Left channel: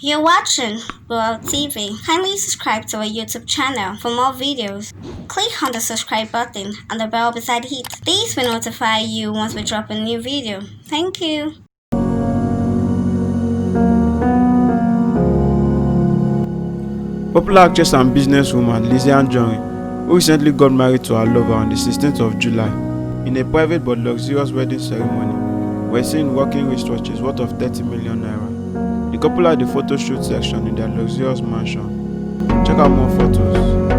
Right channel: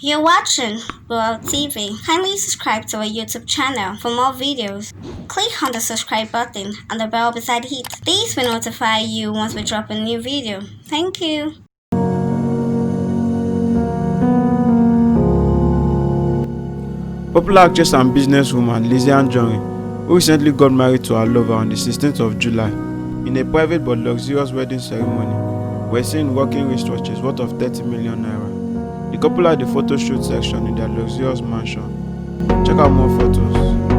You're watching World TV. Kindly subscribe to our YouTube channel for more videos. Click on the subscribe button and the bell beside it. These will notify you once we drop a new video. Thank you. Popular actress and businesswoman Lizzy Anjorin, who recently got married to her lover on the 16th of July, in a private but luxurious wedding ceremony, were seen rocking wristwatches worth of 30 million naira. The couple had a photo shoot section in their luxurious mansion. Check out more photos.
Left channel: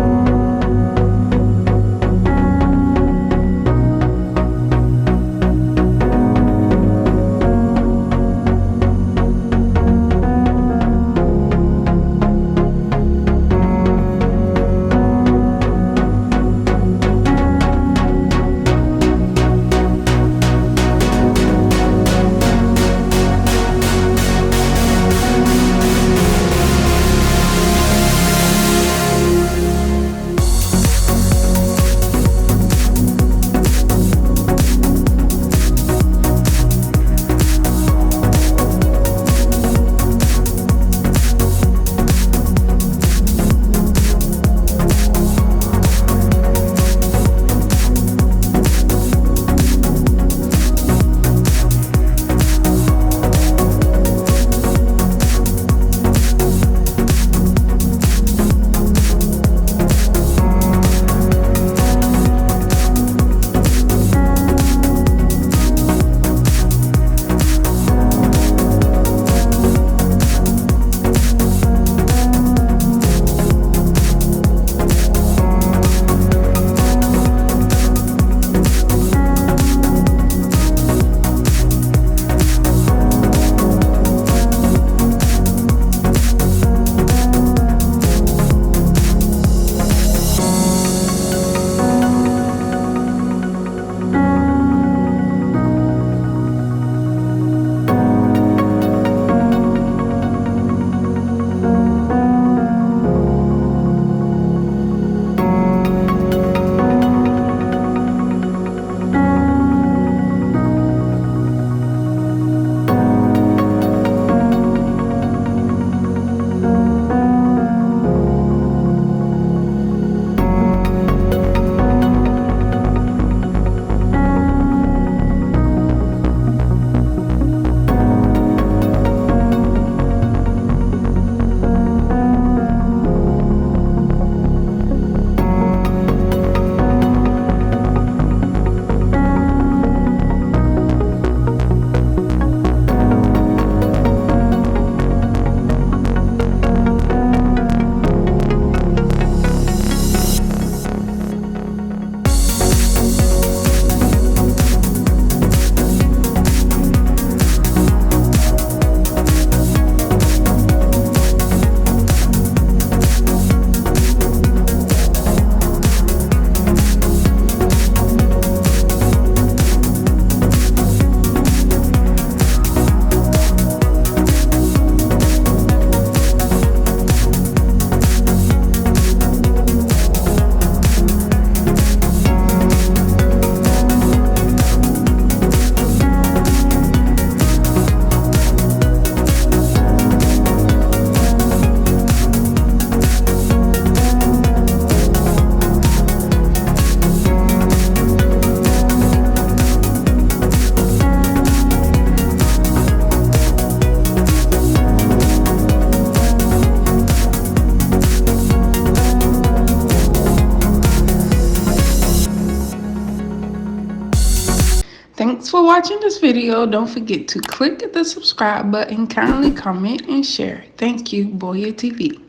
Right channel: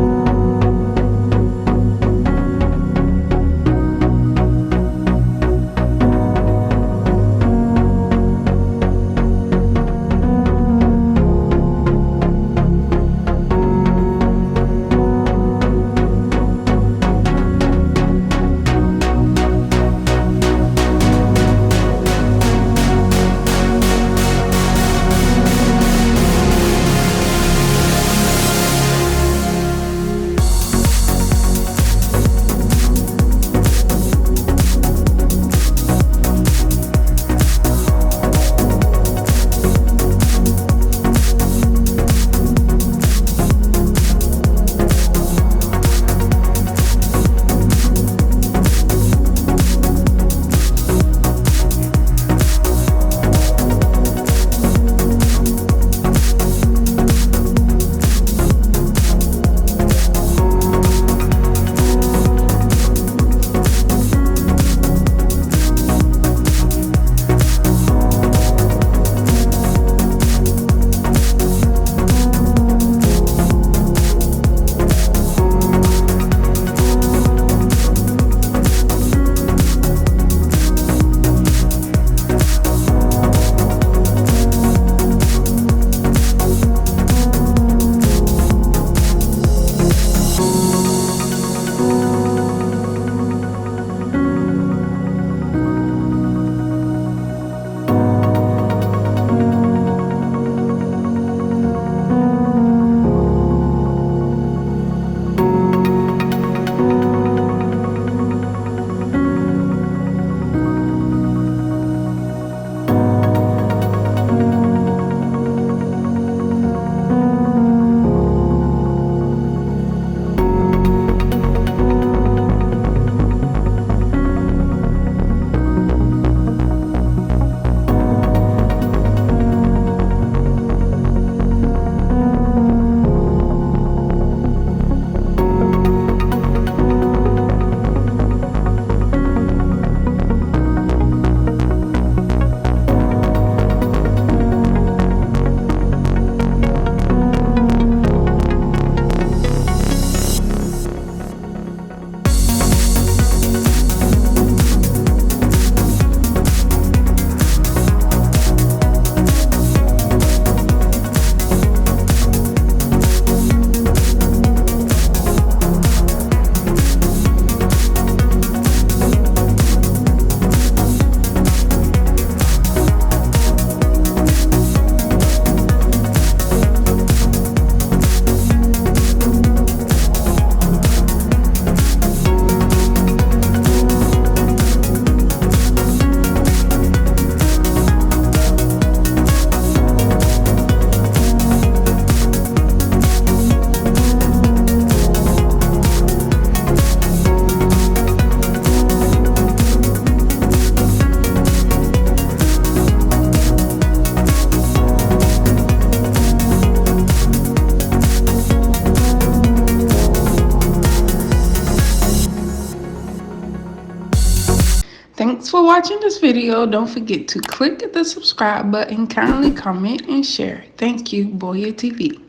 Thanks for watching this video. Don't forget to click the subscribe button, kindly comment and share. Thank you, Boya TV.